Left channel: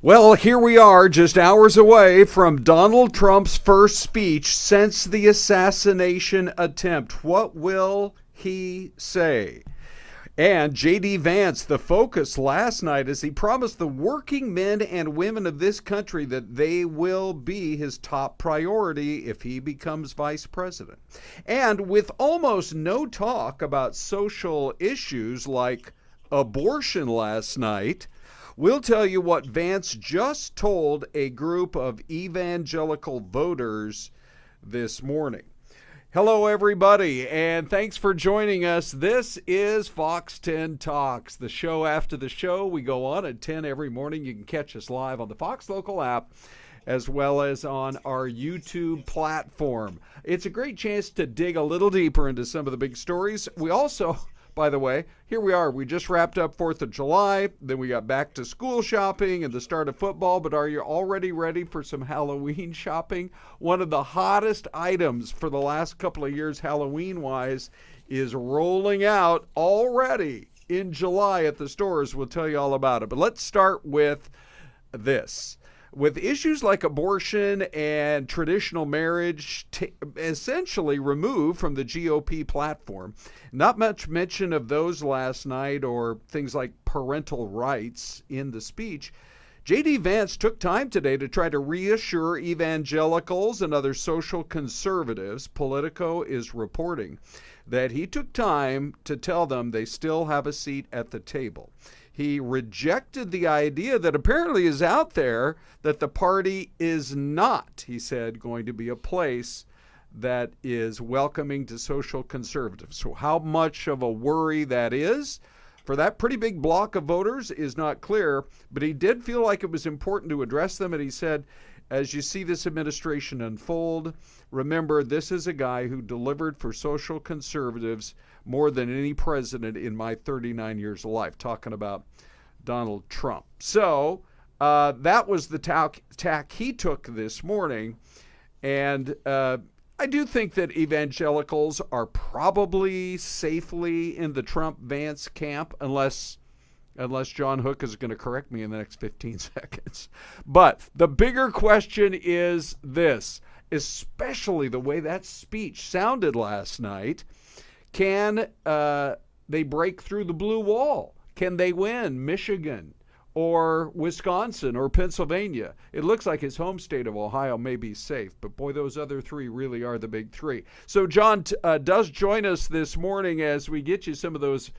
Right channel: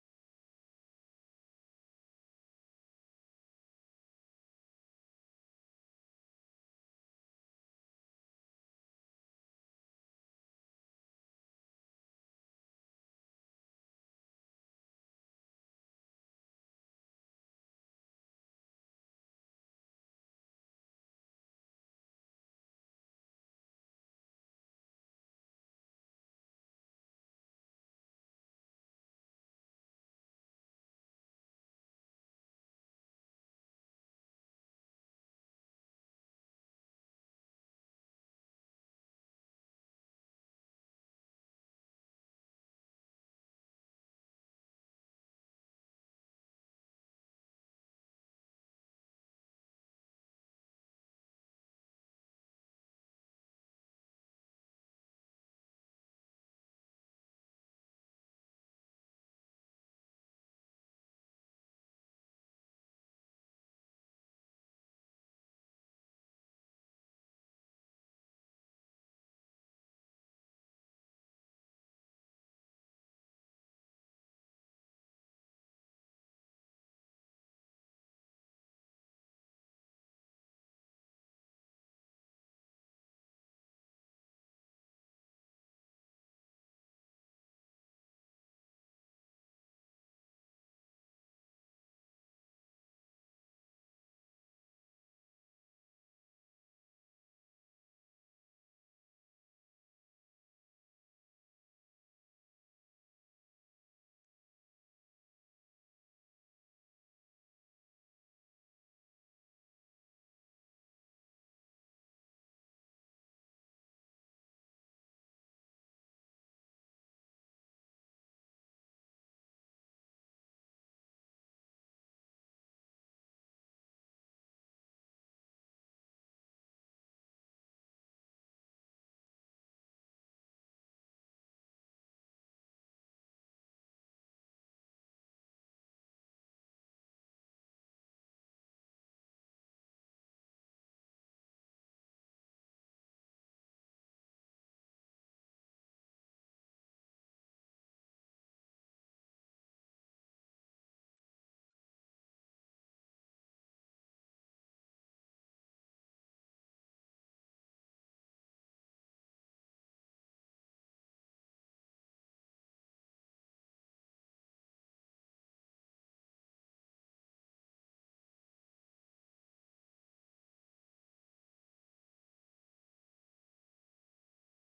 Well, here we are, just hours away from Donald Trump's first speech since the assassination attempt. What will he say? And JD Vance, the focus last night, as he promised the working men and women of this country that they will be his top priority if he becomes vice president. And with almost no talk about social issues like abortion last night, we'll tell you what Vance just told a group of evangelical voters this morning. Hello, everybody, and thanks for joining us. This is Fox 10 Talks, the show after the show. We go on at 10 every morning. You can catch us live on the Fox Local app as well as on our YouTube platform. It's a great chance to dig a little deeper into some of the big stories. We also, by the way, here we are. We just wrapped up 4th of July. Then we got back to school shopping and the start of football. But are you already ready for some Halloween shopping? One of the hottest items for the last couple of years, Halloween-wise, is rolling out already in July at the stores. We'll tell you all about it. But let's start with this. With issues like abortion and traditional marriage essentially removed from the GOP platform, not much mention of those last night or things like parental rights in the speech. JD Vance took time today to try to reassure evangelicals and other social conservatives. Politico is reporting that he took time to tell them they still have a seat at the table. He rejected the idea that apparently is out there that the party is not, he said, going to be a place that is welcoming to social conservatives. So how much of a worry that is for that pretty big block of voters is not clear, but he did feel like it was important to address them. And he said, as you see this administration unfold, remember this is a guy who delivered for social conservatives more than any president in my 39 years of life, talking about Donald Trump. So that was the tack he took this morning. And I do think that evangelicals are probably safely in the Trump-Vance camp, unless John Hook is going to correct me in the next 15 seconds. But the bigger question is this, especially the way that speech sounded last night. Can they break through the blue wall? Can they win Michigan or Wisconsin or Pennsylvania? It looks like his home state of Ohio may be safe, but boy, those other three really are the big three. So John does join us this morning as we get you some of those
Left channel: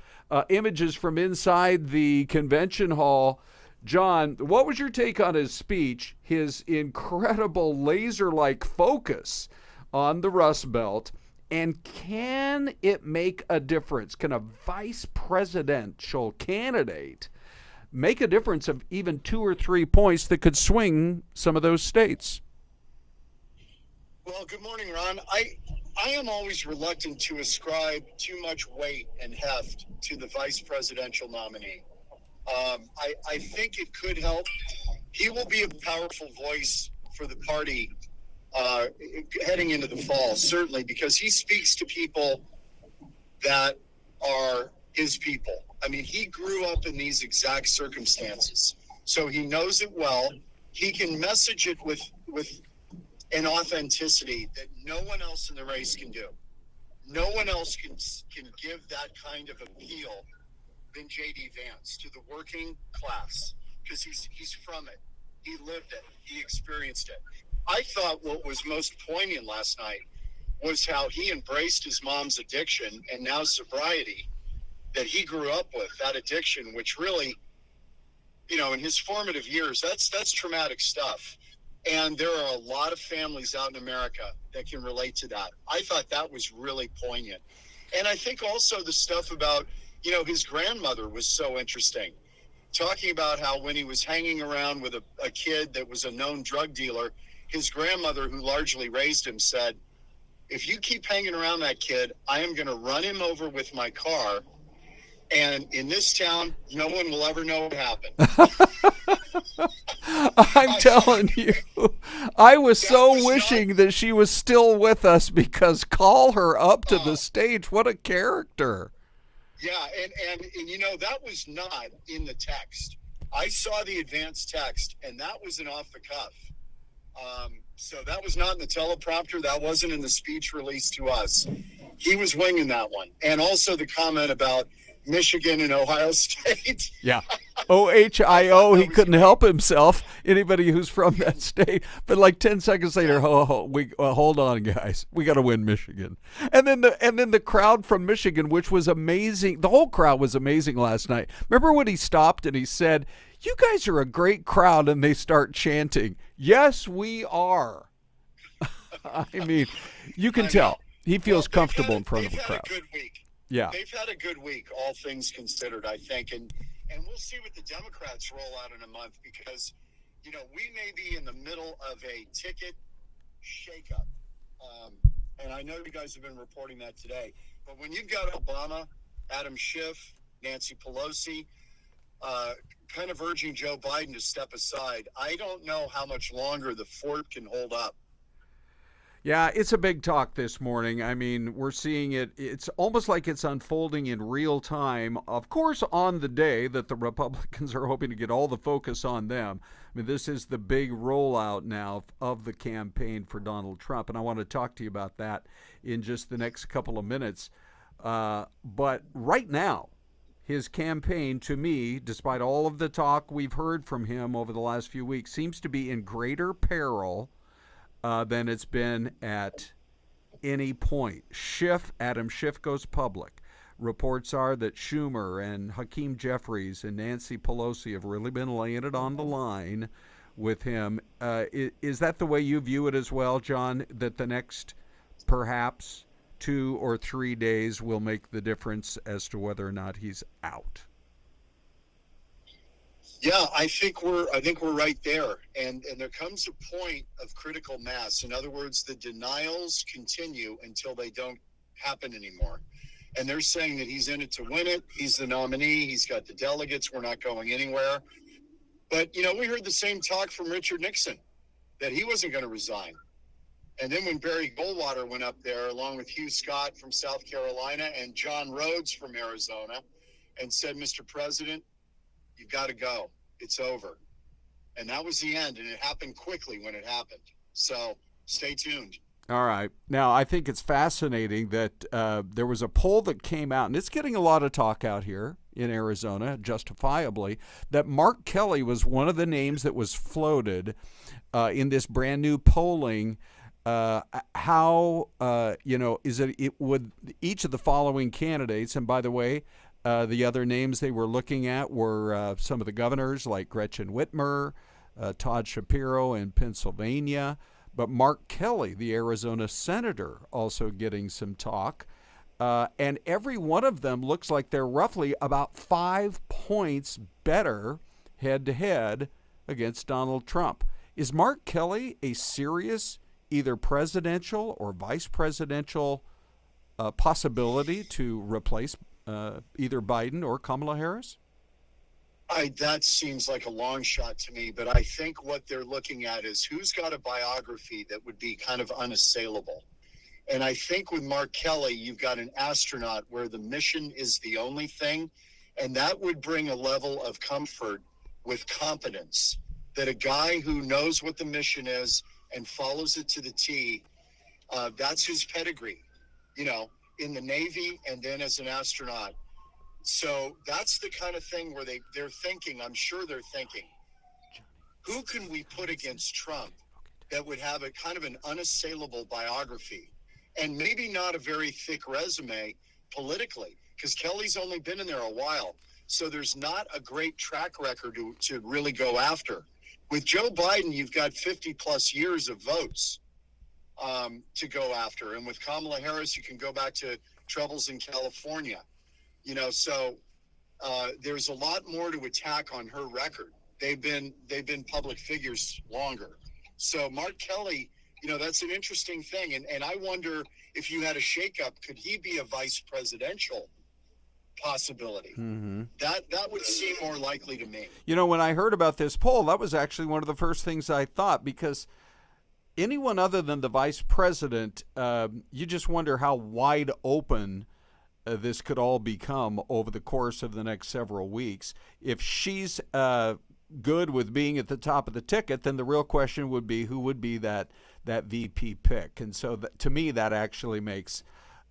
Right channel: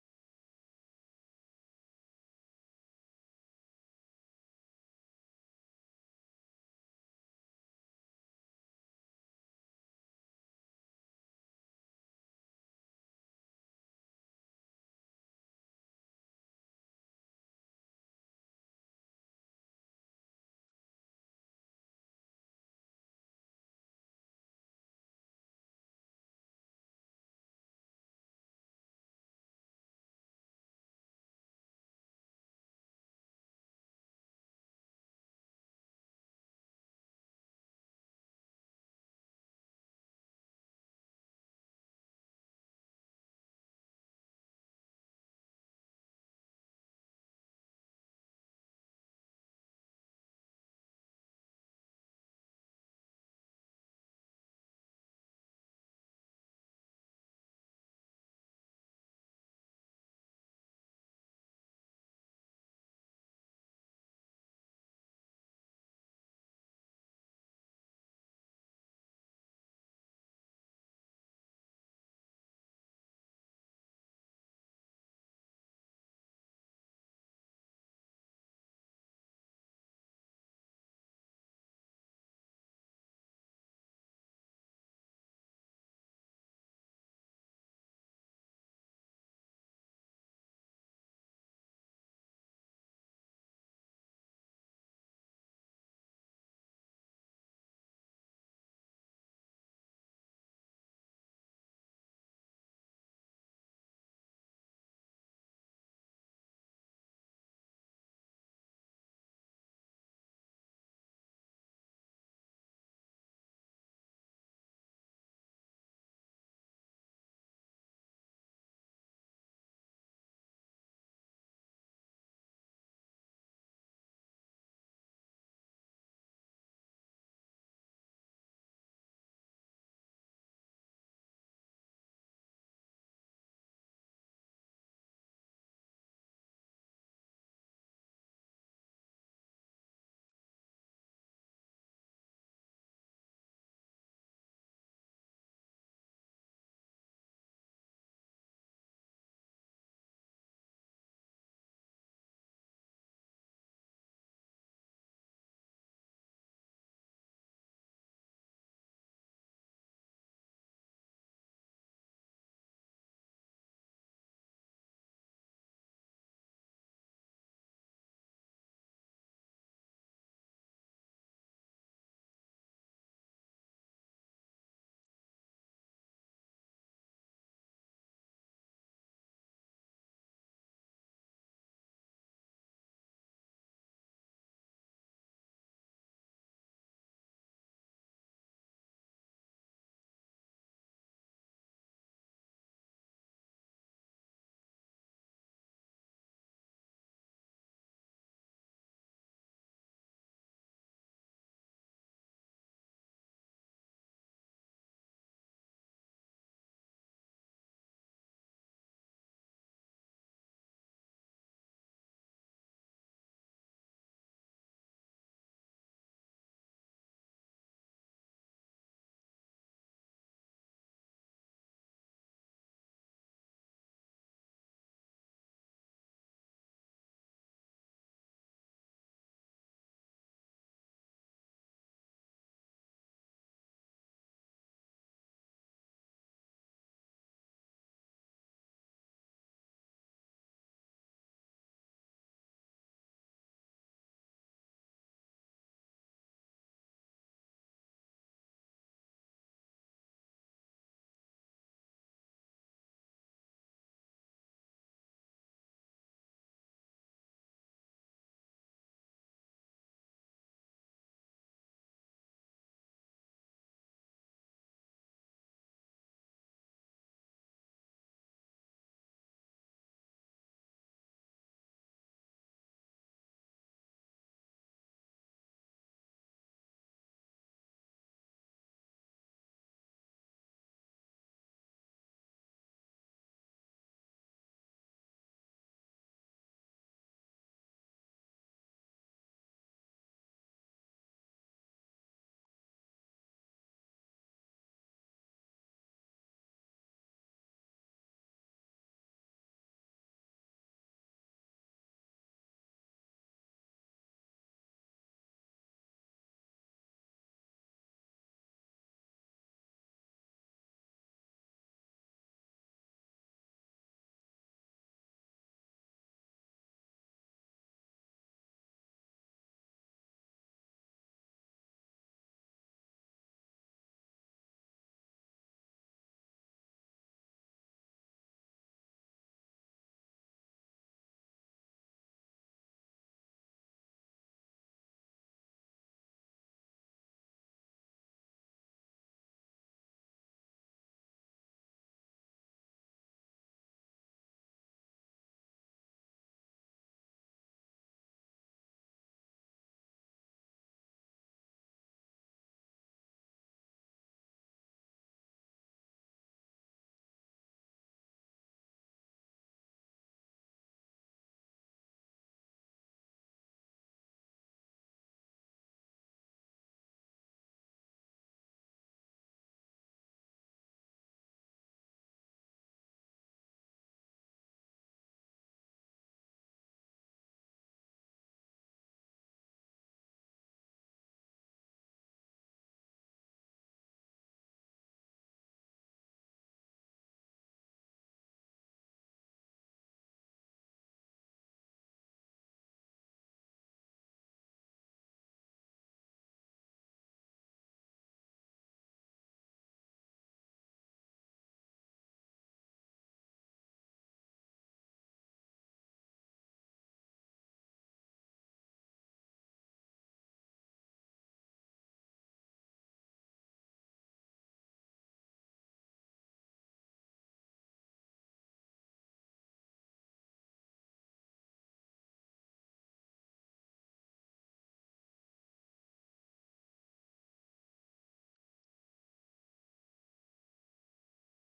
images from inside the convention hall. John, what was your take on his speech, his incredible laser-like focus on the Rust Belt? And can it make a difference? Can a vice presidential candidate make a difference of even 2 or 3 points that could swing some of those states? Well, good morning, Ron. I am always reluctant to ascribe too much weight and heft to the vice presidential nominee. I think it could help. He will be a powerful voice for the party heading into the fall, certainly, because he speaks to people that are his people. I mean, he grew up in these exact circumstances, so he knows it well. He can message it with an authenticity that no one else in the race can do. No one else can give that kind of appeal than JD Vance to the working class, because he's from it. He lived it. He experienced it. I thought what was most poignant last night was how he embraced his mom's addiction and now sobriety that he grew up with, that addiction, which really, in his formative years, that's traumatic stuff. And there are a lot of families out in America that can relate to that. I thought that was really poignant. And I think also the stuff about, his grandmother was so interesting. Talking about how when he was hanging around with a kid that was a known drug dealer, his grandmother, who largely raised him, said, if you keep hanging around that kid, I am going to run him over with my car. And in this town, no one will ever know what happened. I'm telling you, I was so wishing that she was still with us, because call her up to the stage. What a character. Yeah, and that was not in the text. I saw the advanced text, and that was an off the cuff. So that was not in the teleprompter. That wasn't in the speech released to us. He was winging that one. And also the comment about Michigan and Ohio State. Yeah. OHIO, he couldn't help himself. Anybody who's from that state. But like 10 seconds later, hold on, guys. We got to win Michigan. And then the crowd from Michigan, which was amazing. The whole crowd was amazing last night. Remember when he stopped and he said, "You guys are a great crowd," and they start chanting, "Yes, we are." I mean, you can tell. He feels comfortable in front of a crowd. They've had a good week. Yeah. They've had a good week, all things considered, I think. And we'll see what the Democrats roll out in a month because, we may be in the middle of a ticket shakeup. And I know you guys have been reporting that today. But when you've got Obama, Adam Schiff, Nancy Pelosi, kind of urging Joe Biden to step aside, I don't know how much longer the fort can hold up. Yeah, it's a big talk this morning. I mean, we're seeing it. It's almost like it's unfolding in real time. Of course, on the day that the Republicans are hoping to get all the focus on them. I mean, this is the big rollout now of the campaign for Donald Trump. And I want to talk to you about that in just the next couple of minutes. But right now, his campaign, to me, despite all of the talk we've heard from him over the last few weeks, seems to be in greater peril than it's been at any point. Adam Schiff goes public. Reports are that Schumer and Hakeem Jeffries and Nancy Pelosi have really been laying it on the line with him. Is that the way you view it as well, John, that the next perhaps 2 or 3 days will make the difference as to whether or not he's out? Yeah, I think we're right there, and there comes a point of critical mass. In other words, the denials continue until they don't happen anymore. And they're saying that he's in it to win it. He's the nominee. He's got the delegates. We're not going anywhere. But we heard the same talk from Richard Nixon that he wasn't going to resign. And then when Barry Goldwater went up there, along with Hugh Scott from South Carolina and John Rhodes from Arizona, and said, "Mr. President, you've got to go. It's over." And that was the end, and it happened quickly when it happened. So stay tuned. All right. Now, I think it's fascinating that there was a poll that came out, and it's getting a lot of talk out here in Arizona, justifiably, that Mark Kelly was one of the names that was floated in this brand new polling. Is it would each of the following candidates, and by the way, the other names they were looking at were some of the governors like Gretchen Whitmer, Todd Shapiro in Pennsylvania, but Mark Kelly, the Arizona senator, also getting some talk. And every one of them looks like they're roughly about 5 points better head-to-head against Donald Trump. Is Mark Kelly a serious either presidential or vice presidential possibility to replace either Biden or Kamala Harris? That seems like a long shot to me, but I think what they're looking at is who's got a biography that would be kind of unassailable. And I think with Mark Kelly, you've got an astronaut where the mission is the only thing, and that would bring a level of comfort with competence, that a guy who knows what the mission is and follows it to the T, that's his pedigree, in the Navy and then as an astronaut. So that's the kind of thing where they're thinking, I'm sure they're thinking, who can we put against Trump that would have a kind of an unassailable biography and maybe not a very thick resume politically, because Kelly's only been in there a while. So there's not a great track record to really go after. With Joe Biden, you've got 50 plus years of votes to go after. And with Kamala Harris, you can go back to troubles in California. So there's a lot more to attack on her record. They've been public figures longer. So Mark Kelly, that's an interesting thing. And I wonder if you had a shakeup, could he be a vice presidential possibility? Mm-hmm. That would seem more likely to me. When I heard about this poll, that was actually one of the first things I thought, because anyone other than the vice president, you just wonder how wide open this could all become over the course of the next several weeks. If she's good with being at the top of the ticket, then the real question would be who would be that VP pick. And so to me, that actually makes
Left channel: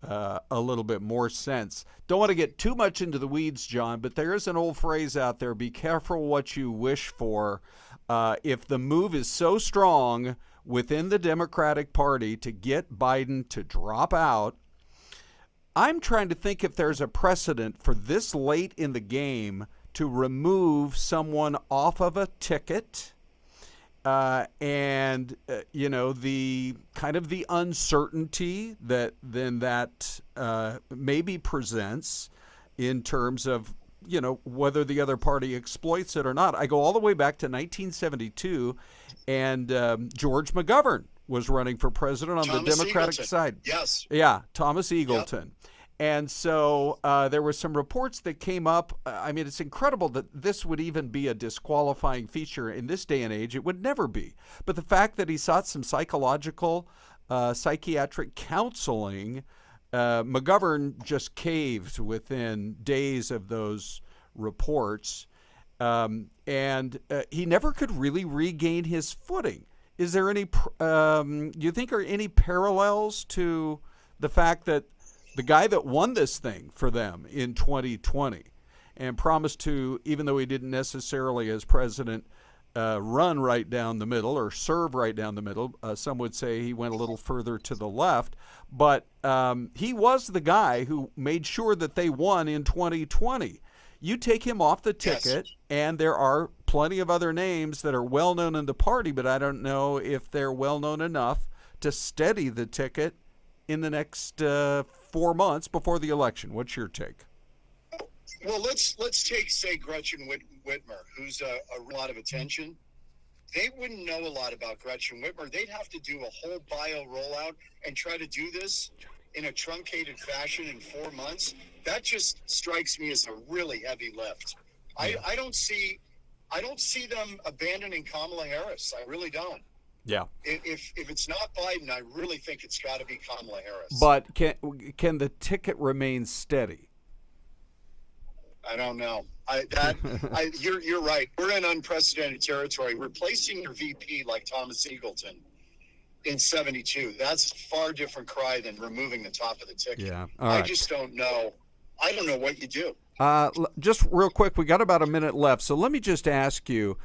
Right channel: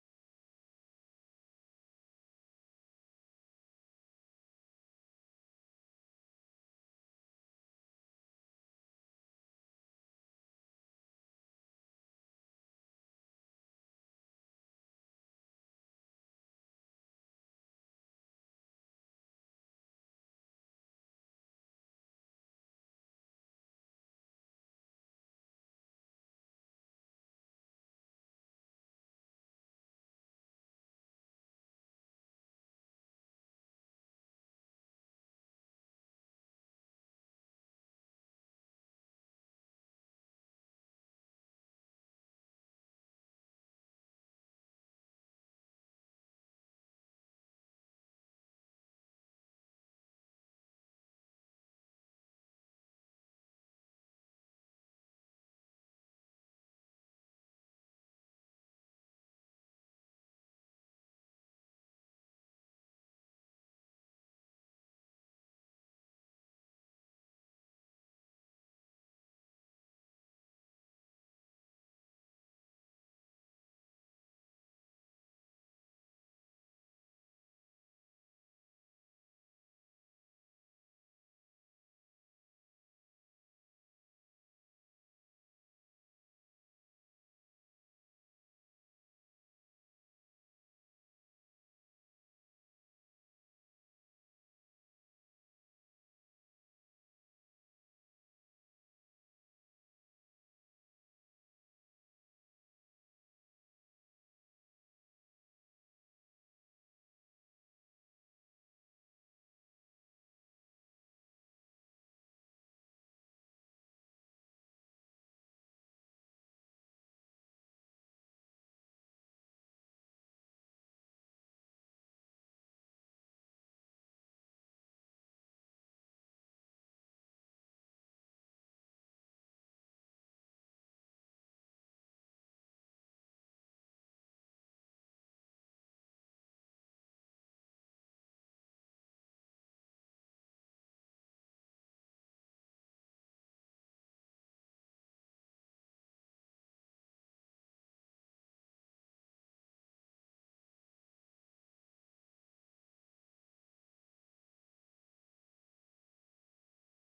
a little bit more sense. Don't want to get too much into the weeds, John, but there is an old phrase out there: be careful what you wish for. If the move is so strong within the Democratic Party to get Biden to drop out, I'm trying to think if there's a precedent for this late in the game to remove someone off of a ticket, and the kind of the uncertainty that then that maybe presents in terms of whether the other party exploits it or not. I go all the way back to 1972, and George McGovern was running for president on the Democratic side. Yes. Yeah, Thomas Eagleton. Yep. And so there were some reports that came up. I mean, it's incredible that this would even be a disqualifying feature in this day and age. It would never be. But the fact that he sought some psychological, psychiatric counseling, McGovern just caved within days of those reports. And he never could really regain his footing. Is there any, you think, are any parallels to the fact that the guy that won this thing for them in 2020 and promised to, even though he didn't necessarily as president run right down the middle or serve right down the middle, some would say he went a little further to the left, but he was the guy who made sure that they won in 2020. You take him off the ticket, yes, and there are plenty of other names that are well known in the party, but I don't know if they're well known enough to steady the ticket in the next 4 months before the election. What's your take? Well, let's take, say, Gretchen Whitmer, who's a lot of attention. They wouldn't know a lot about Gretchen Whitmer. They'd have to do a whole bio rollout and try to do this in a truncated fashion in 4 months. That just strikes me as a really heavy lift. I don't see them abandoning Kamala Harris. I really don't. Yeah. If it's not Biden, I really think it's got to be Kamala Harris. But can the ticket remain steady? I don't know. You're right. We're in unprecedented territory. Replacing your VP like Thomas Eagleton in 72, that's a far different cry than removing the top of the ticket. Yeah. All right. I just don't know. I don't know what you do. Just real quick, we got about a minute left, so let me just ask you,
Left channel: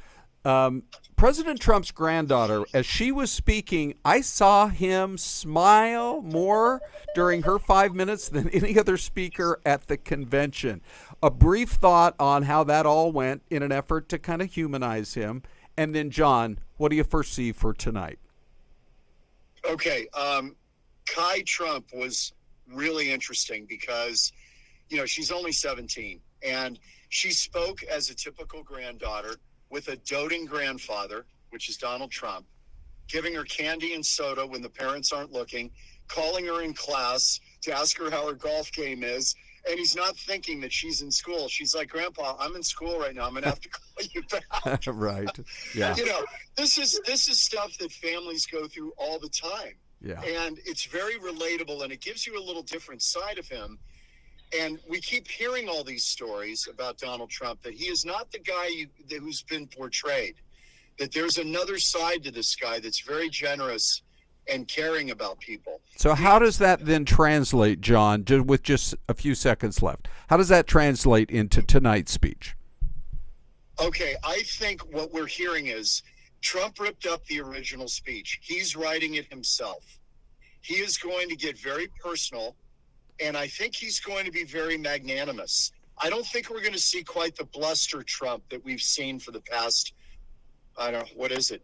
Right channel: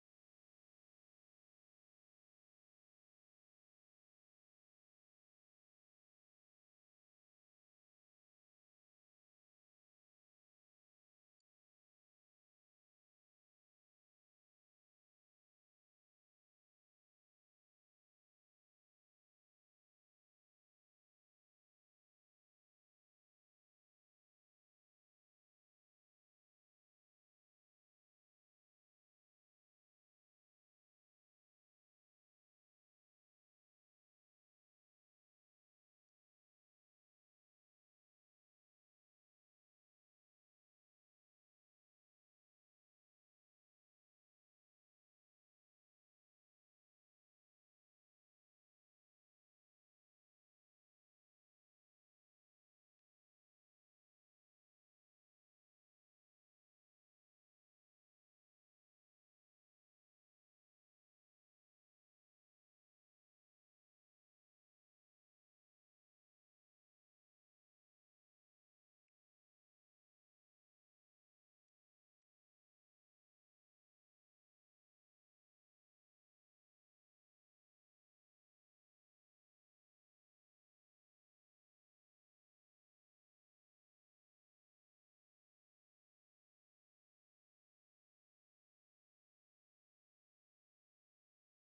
President Trump's granddaughter, as she was speaking, I saw him smile more during her 5 minutes than any other speaker at the convention. A brief thought on how that all went in an effort to kind of humanize him. And then, John, what do you foresee for tonight? Okay. Kai Trump was really interesting because, she's only 17, and she spoke as a typical granddaughter with a doting grandfather, which is Donald Trump, giving her candy and soda when the parents aren't looking, calling her in class to ask her how her golf game is, and he's not thinking that she's in school. She's like, Grandpa, I'm in school right now. I'm going to have to call you back. Right. Yeah. This is stuff that families go through all the time. Yeah. And it's very relatable, and it gives you a little different side of him. And we keep hearing all these stories about Donald Trump, that he is not the guy who's been portrayed, that there's another side to this guy that's very generous and caring about people. So how does that then translate, John, with just a few seconds left? How does that translate into tonight's speech? Okay, I think what we're hearing is Trump ripped up the original speech. He's writing it himself. He is going to get very personal, and I think he's going to be very magnanimous. I don't think we're going to see quite the bluster Trump that we've seen for the past, I don't know, what is it?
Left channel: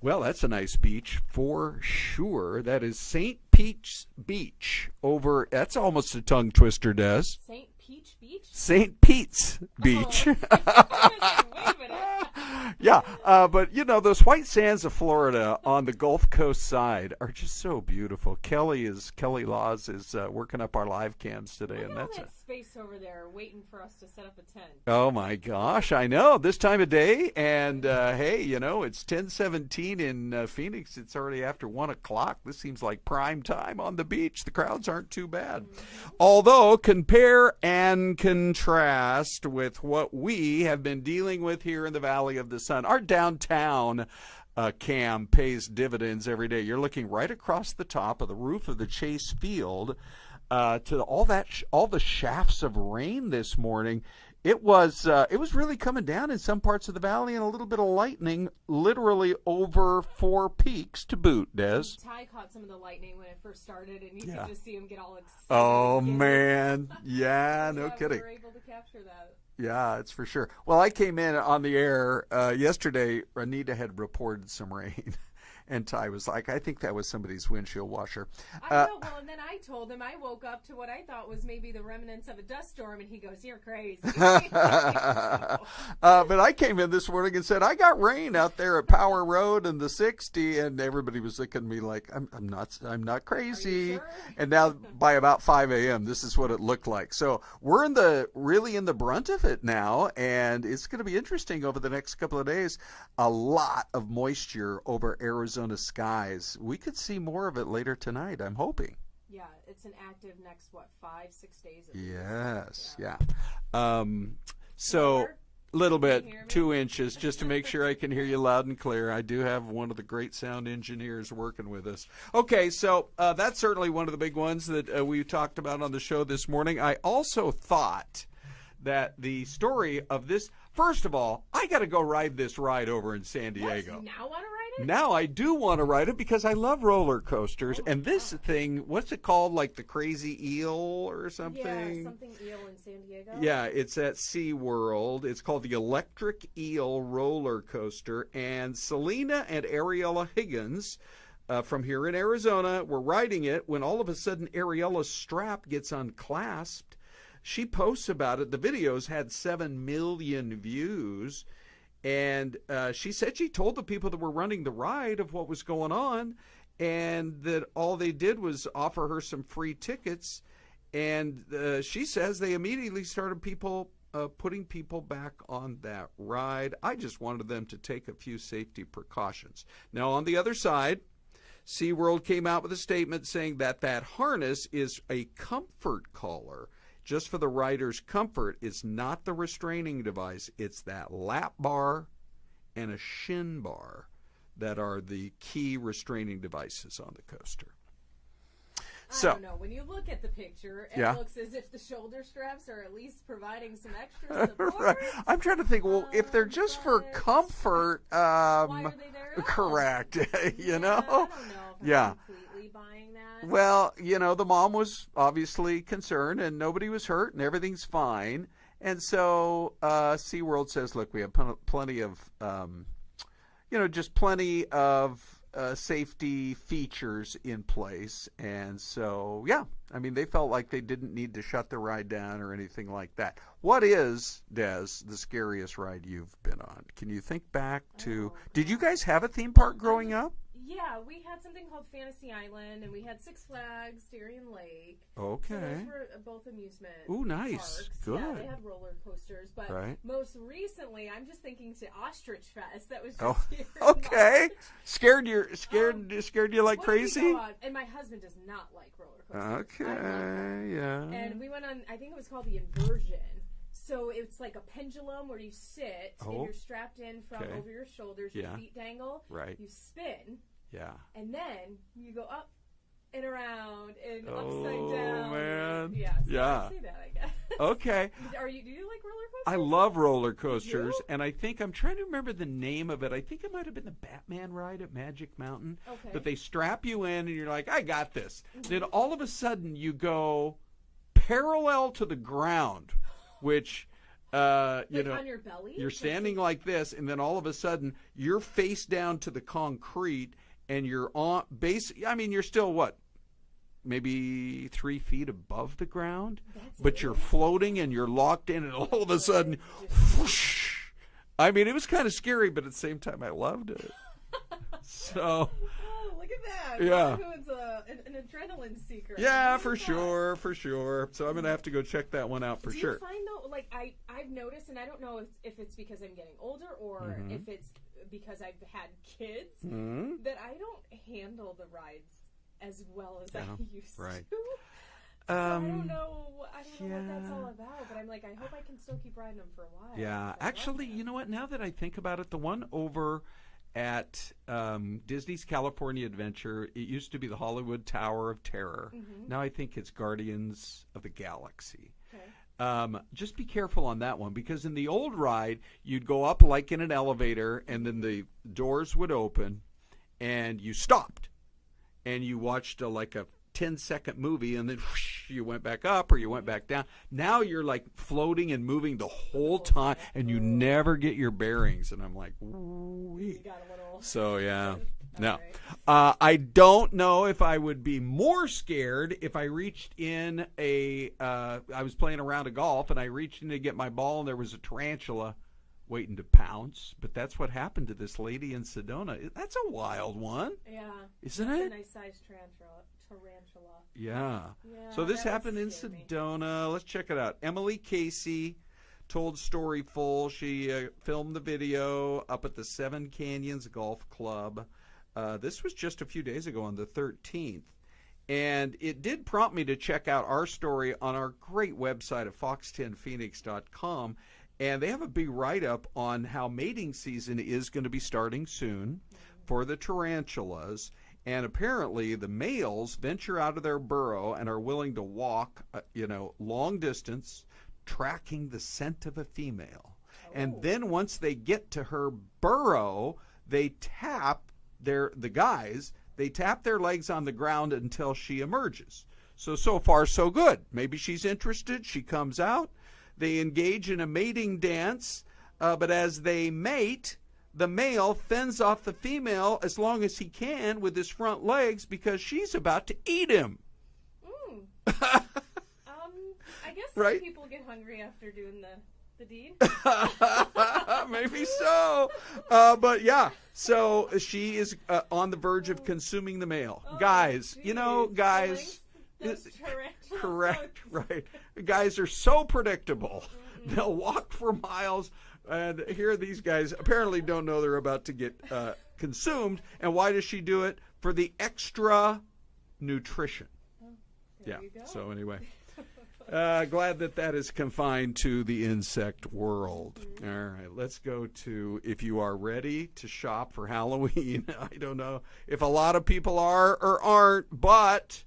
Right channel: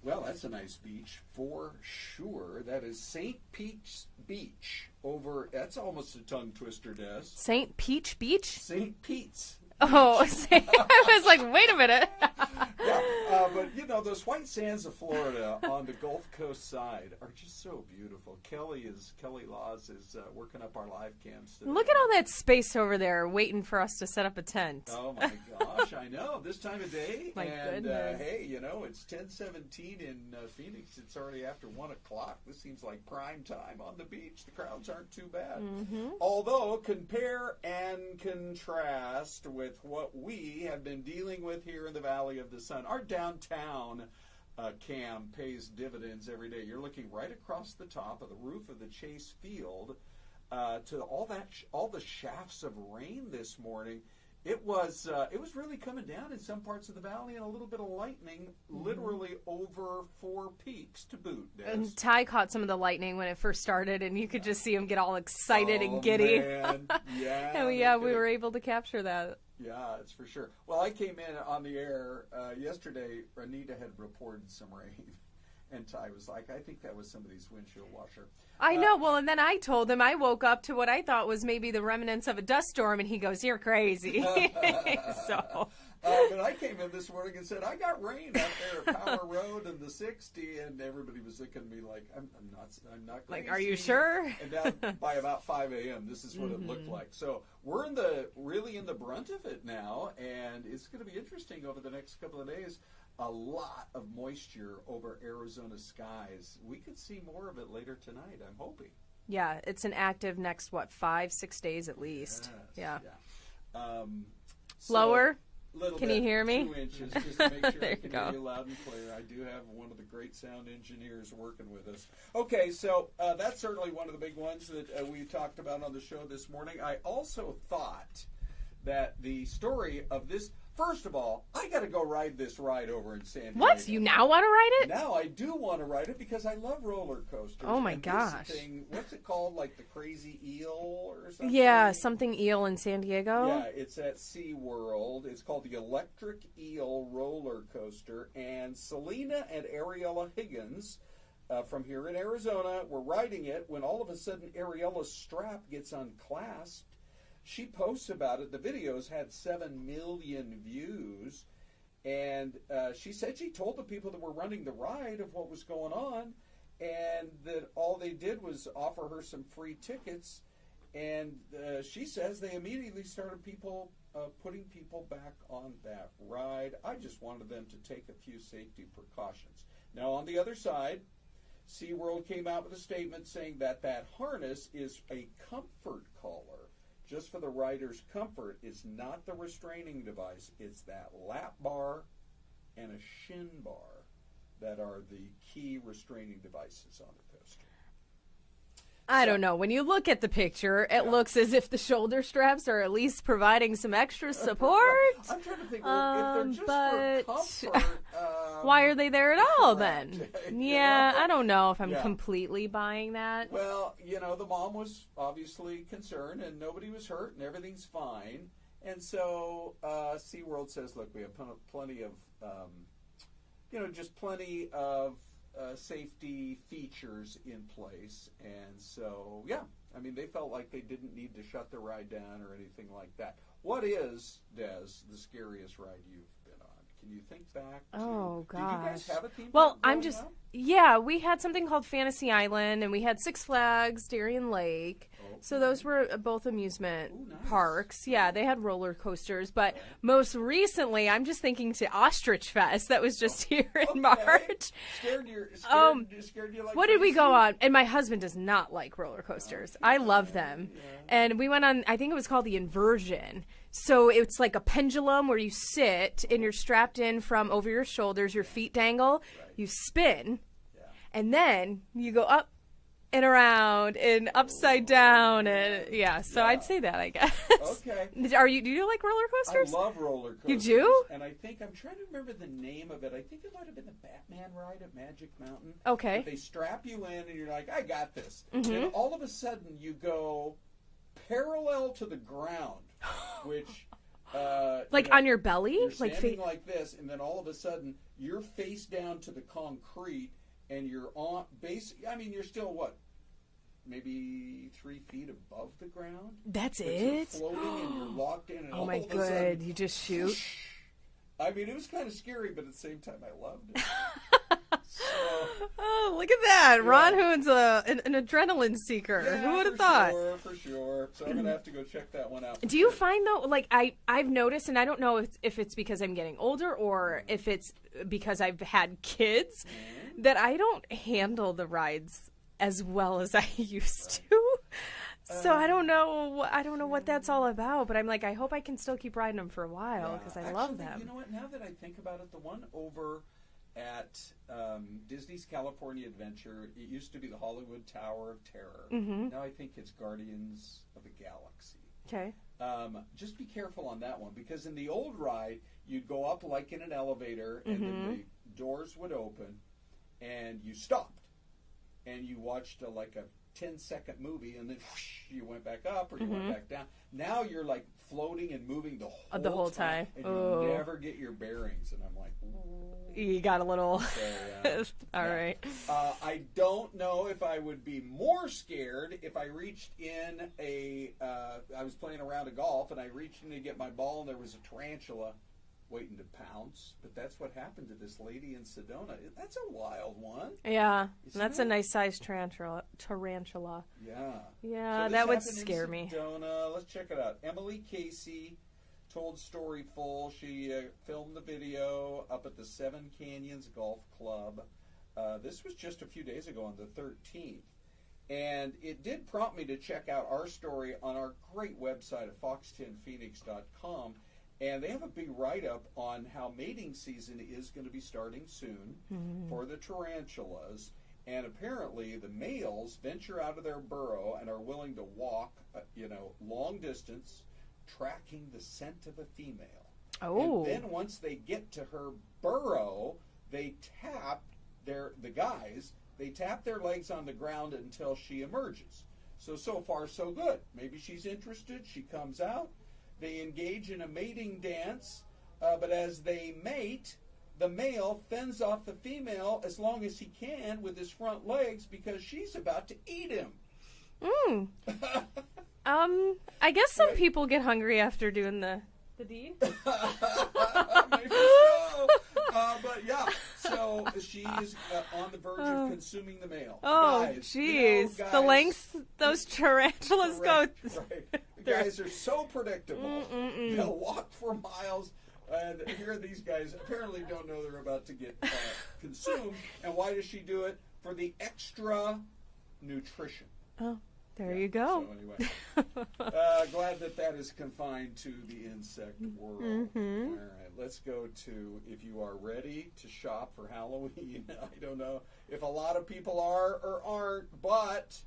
Well, that's a nice beach for sure. That is St. Pete's Beach over. That's almost a tongue twister, Des. St. Peach Beach? St. Pete's Beach. Oh, I was like, wait a minute. Yeah, but you know, those white sands of Florida on the Gulf Coast side are just so beautiful. Kelly Laws is working up our live cams today. Look at all that space over there waiting for us to set up a tent. Oh my gosh, I know, this time of day. And hey, you know, it's 10:17 in Phoenix. It's already after 1 o'clock. This seems like prime time on the beach. The crowds aren't too bad. Although, compare and contrast with what we have been dealing with here in the Valley of the Sun. Our downtown cam pays dividends every day. You're looking right across the top of the roof of the Chase Field to all the shafts of rain this morning. It was really coming down in some parts of the valley, and a little bit of lightning, literally over 4 peaks to boot, Des. And Ty caught some of the lightning when it first started, and you could just see him get all excited and giddy. Oh, man. Yeah, so, yeah, no we were able to capture that. Yeah, it's for sure. Well, I came in on the air yesterday. Anita had reported some rain. And Ty was like, I think that was somebody's windshield washer. I know. Well, and then I told him I woke up to what I thought was maybe the remnants of a dust storm, and he goes, you're crazy. But I came in this morning and said, I got rain out there at Power Road and the 60, and everybody was looking at me like, I'm not crazy. Are you sure? And now by about 5 a.m., this is what it looked like. So we're really in the brunt of it now, and it's going to be interesting over the next couple of days. A lot of moisture over Arizona skies. We could see more of it later tonight, I'm hoping. Yeah, it's an active next, 5-6 days at least. Yes, yeah. Slower? Little Can bit, you hear me? 2 inches, just to make sure I can hear you loud and clear. I do have one of the great sound engineers working with us. Okay, so that's certainly one of the big ones that we talked about on the show this morning. I also thought that the story of this, first of all, I got to go ride this ride over in San Diego. What? You now want to ride it? Now I do want to ride it because I love roller coasters. Oh my and gosh. This thing, what's it called? Like the Crazy Eel or something? Yeah, something eel in San Diego. Yeah, it's at SeaWorld. It's called the Electric Eel Roller Coaster. And Selena and Ariella Higgins from here in Arizona were riding it when all of a sudden Ariella's strap gets unclasped. She posts about it. The videos had 7 million views. And she said she told the people that were running the ride of what was going on, and that all they did was offer her some free tickets. And she says they immediately started putting people back on that ride. I just wanted them to take a few safety precautions. Now, on the other side, SeaWorld came out with a statement saying that harness is a comfort collar. Just for the rider's comfort, it's not the restraining device. It's that lap bar and a shin bar that are the key restraining devices on the coaster. I don't know. When you look at the picture, it looks as if the shoulder straps are at least providing some extra support. Right. I'm trying to think, well, if they're just for comfort, why are they there at all correct. then? You yeah, know? I don't know if I'm completely buying that. Well, you know, the mom was obviously concerned, and nobody was hurt, and everything's fine. And so SeaWorld says, look, we have plenty of, just plenty of safety features in place. And so, yeah, I mean, they felt like they didn't need to shut the ride down or anything like that. What is, Des, the scariest ride you've been on? Can you think back to, did you guys have a theme park growing up? Yeah, we had something called Fantasy Island, and we had Six Flags, Darien Lake. Okay. So those were both amusement parks. Good. Yeah, they had roller coasters. But most recently, I'm just thinking to Ostrich Fest that was just here in March. Scared you like what crazy? Did we go on? And my husband does not like roller coasters. Okay. I love them. Yeah. And we went on, I think it was called the Inversion. So it's like a pendulum where you sit and you're strapped in from over your shoulders, your feet dangle, you spin, and then you go up and around and upside down. And so I'd say that, I guess. Okay. Do you like roller coasters? I love roller coasters. You do? And I think, I'm trying to remember the name of it. I think it might have been the Batman ride at Magic Mountain. Okay. But they strap you in and you're like, I got this. Then all of a sudden you go parallel to the ground, which Like on your belly? You're standing like this, and then all of a sudden, you're face down to the concrete, and you're on base. I mean, you're still what? Maybe 3 feet above the ground. That's but you're floating and you're locked in, and all of a sudden, you just shoot. I mean, it was kind of scary, but at the same time, I loved it. So, look at that! Yeah. Ron Hoon's an adrenaline seeker. Yeah, for sure. So I'm gonna have to go check that one out. Do you find though, like I've noticed, and I don't know if it's because I'm getting older or if it's because I've had kids, that I don't handle the rides as well as I used to. So I don't know what that's all about, but I'm like, I hope I can still keep riding them for a while. Yeah, I love them. You know what? Now that I think about it, the one over at Disney's California Adventure, it used to be the Hollywood Tower of Terror. Now I think it's Guardians of the Galaxy. Okay. Just be careful on that one, because in the old ride, you'd go up like in an elevator, and then the doors would open, and you stopped, and you watched like a 10-second movie, and then whoosh, you went back up or you went back down. Now you're like floating and moving the whole time, and you never get your bearings. And I'm like, ooh. You got a little. So yeah. All right. I don't know if I would be more scared if I reached in I was playing a round of golf, and I reached in to get my ball, and there was a tarantula waiting to pounce. But that's what happened to this lady in Sedona. That's a wild one. Yeah. That's a nice sized tarantula. Yeah. Yeah, so this that happened would in scare me. Sedona. Let's check it out. Emily Casey told Storyful. She filmed the video up at the Seven Canyons Golf Club. This was just a few days ago on the 13th. And it did prompt me to check out our story on our great website at fox10phoenix.com. And they have a big write-up on how mating season is going to be starting soon for the tarantulas. And apparently the males venture out of their burrow and are willing to walk, long distance, tracking the scent of a female. Oh. And then once they get to her burrow, they tap their legs on the ground until she emerges. So far, so good. Maybe she's interested. She comes out. They engage in a mating dance, but as they mate, the male fends off the female as long as he can with his front legs because she's about to eat him. I guess some people get hungry after doing the deed. Maybe so. But yeah, so she is on the verge of consuming the male. Guys, geez. Guys. The lengths those tarantulas go. Right. Guys are so predictable. They'll walk for miles. And here these guys apparently don't know they're about to get consumed. And why does she do it? For the extra nutrition. Oh. There you go. So anyway, glad that is confined to the insect world. All right, let's go to if you are ready to shop for Halloween. I don't know if a lot of people are or aren't, but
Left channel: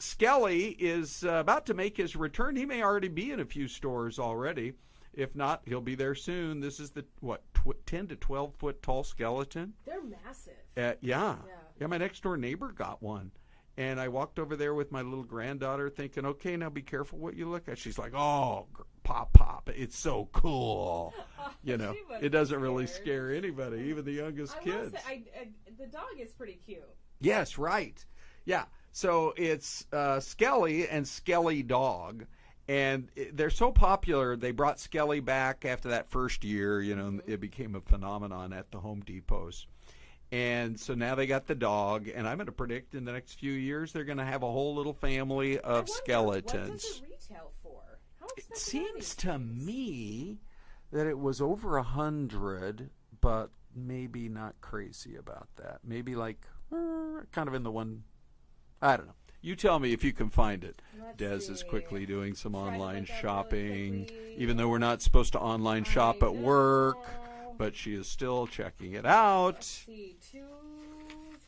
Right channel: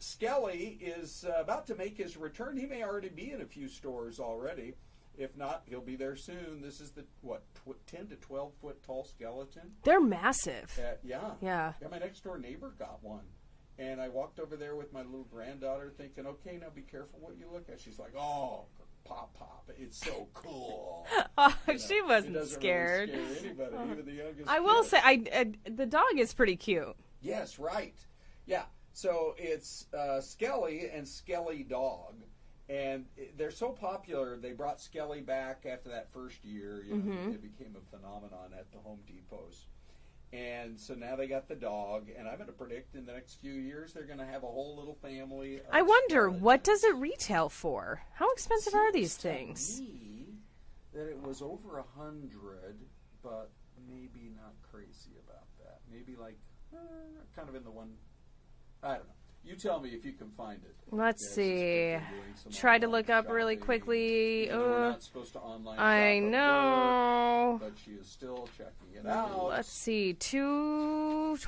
Skelly is about to make his return. He may already be in a few stores already. If not, he'll be there soon. This is the 10 to 12 foot tall skeleton. They're massive. Yeah. My next door neighbor got one. And I walked over there with my little granddaughter thinking, okay, now be careful what you look at. She's like, oh, Pop, it's so cool. She wasn't It doesn't scared. really scare anybody, even the youngest I will say, the dog is pretty cute. Yes, right. Yeah, so it's Skelly and Skelly Dog. And they're so popular, they brought Skelly back after that first year. It became a phenomenon at the Home Depots. And so now they got the dog, and I'm going to predict in the next few years they're going to have a whole little family of skeletons. What does it retail for? How expensive are these things? To me that it was over $100, but maybe not crazy about that. Maybe like kind of in the one. I don't know. You tell me if you can find it. Let's Des see. is quickly doing some Try online to look up shopping, really quickly. even though we're not supposed to online shop at work. But she is still checking it out. Let's see, $224?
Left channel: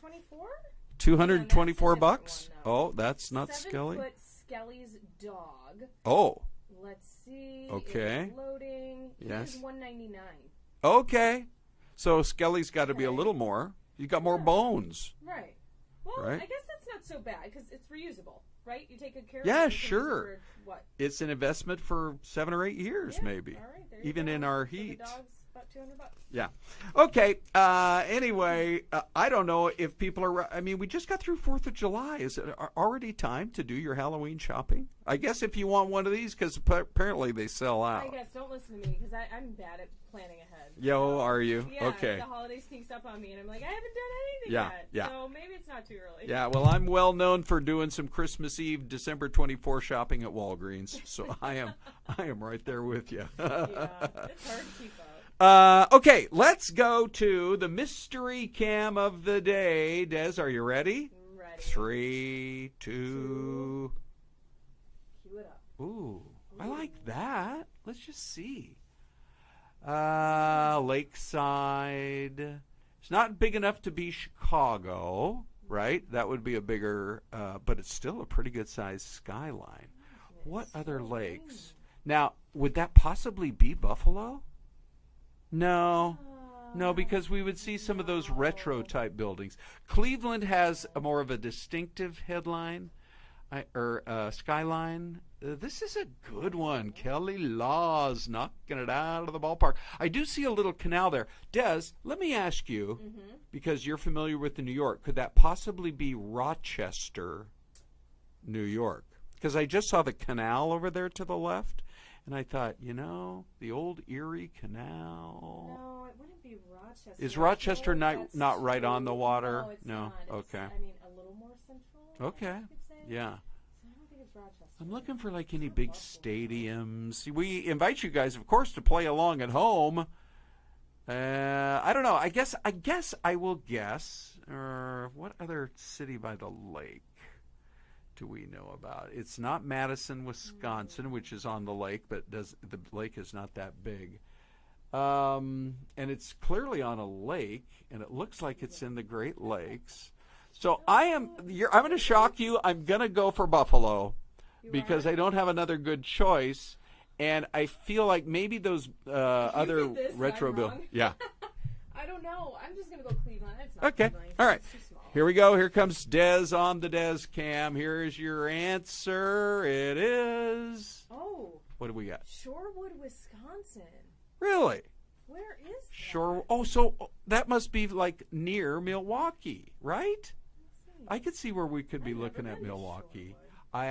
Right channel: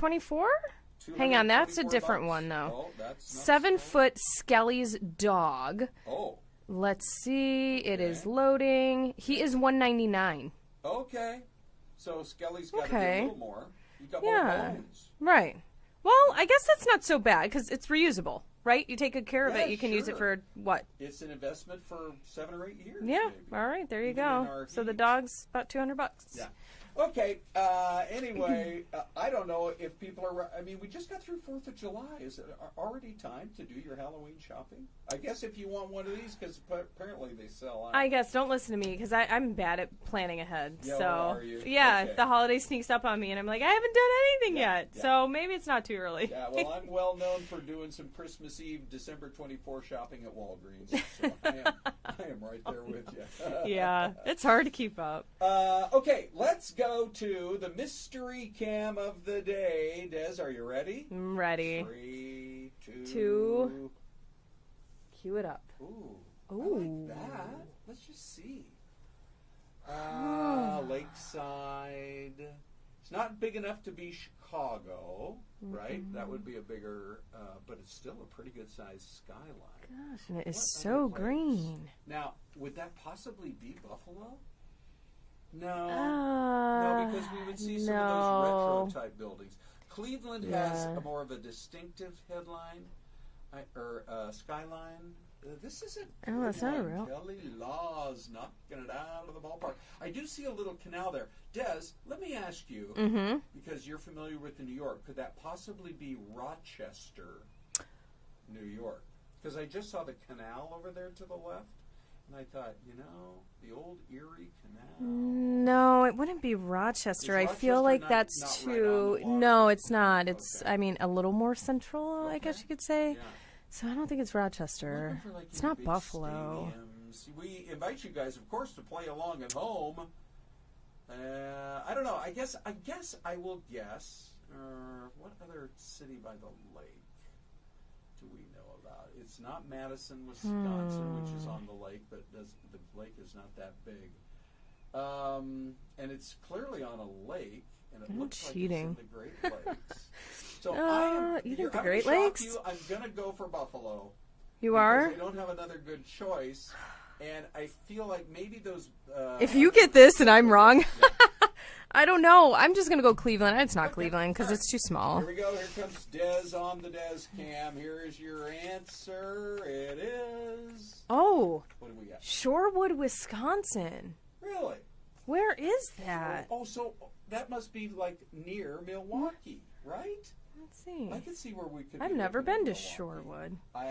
$224. Hang on, that's a different one, though. Oh, that's not 7 Skelly? foot Skelly's dog. Oh. Let's see. Okay. It is loading. He is $199. Okay. So Skelly's got to be a little more. You got more bones. Right. Well, I guess that's not so bad because it's reusable. right? You take good care of Yeah, it. You can use it sure. for what? It's an investment for 7 or 8 years, Yeah. maybe. All right, there you Even go. in our So the heat. dog's about $200. Yeah. Okay. Anyway, I don't know if people are. I mean, we just got through 4th of July. Is it already time to do your Halloween shopping? I guess if you want one of these, because apparently they sell out. I guess don't listen to me because I'm bad at planning ahead. Yo, so, are you? Yeah. Okay. The holiday sneaks up on me, and I'm like, I haven't done anything yet. Yeah. So maybe it's not too early. Yeah. Well, I'm well known for doing some Christmas Eve, December 24 shopping at Walgreens, so I am right there with you. Yeah. It's hard to keep up. Okay, let's go to the mystery cam of the day. Des, are you ready? I'm ready. 3, 2. Cue it up. Ooh, I Ooh. like that. Let's just see. Lakeside. It's not big enough to be Chicago, right? That would be a bigger, but it's still a pretty good sized skyline. Gosh, and it is What so other lakes? green. Now, would that possibly be Buffalo? No, because we would see some of those retro type buildings. Cleveland has a more of a distinctive headline or skyline. This is a good one. Kelly Laws knocking it out of the ballpark. I do see a little canal there. Des, let me ask you, because you're familiar with the New York, could that possibly be Rochester, New York? Because I just saw the canal over there to the left. And I thought, the old Erie Canal. No, it wouldn't be Rochester. Is I Rochester feel like not that's right on the water? No, it's not. It's, okay. I mean, a little more central, I guess you could say. Yeah. So I don't think it's Rochester. I'm looking for It's any not big Buffalo. stadiums. We invite you guys, of course, to play along at home. I don't know. I guess I will guess. What other city by the lake do we know about? It's not Madison, Wisconsin, which is on the lake, but the lake is not that big. And it's clearly on a lake, and it looks like it's in the Great Lakes. So I'm going to shock you. I'm going to go for Buffalo. You because are? I don't have another good choice, and I feel like maybe those. If you get this and I'm wrong, yeah. I don't know. I'm just gonna go Cleveland. It's not Cleveland because it's too small. Here we go. Here comes Des on the Des cam. Here's your answer. It is. Oh. What do we got? Shorewood, Wisconsin. Really? Where is that? So that must be like near Milwaukee, right? Let's see. I could see where we could be. I've never looking at been to Milwaukee. Shorewood. I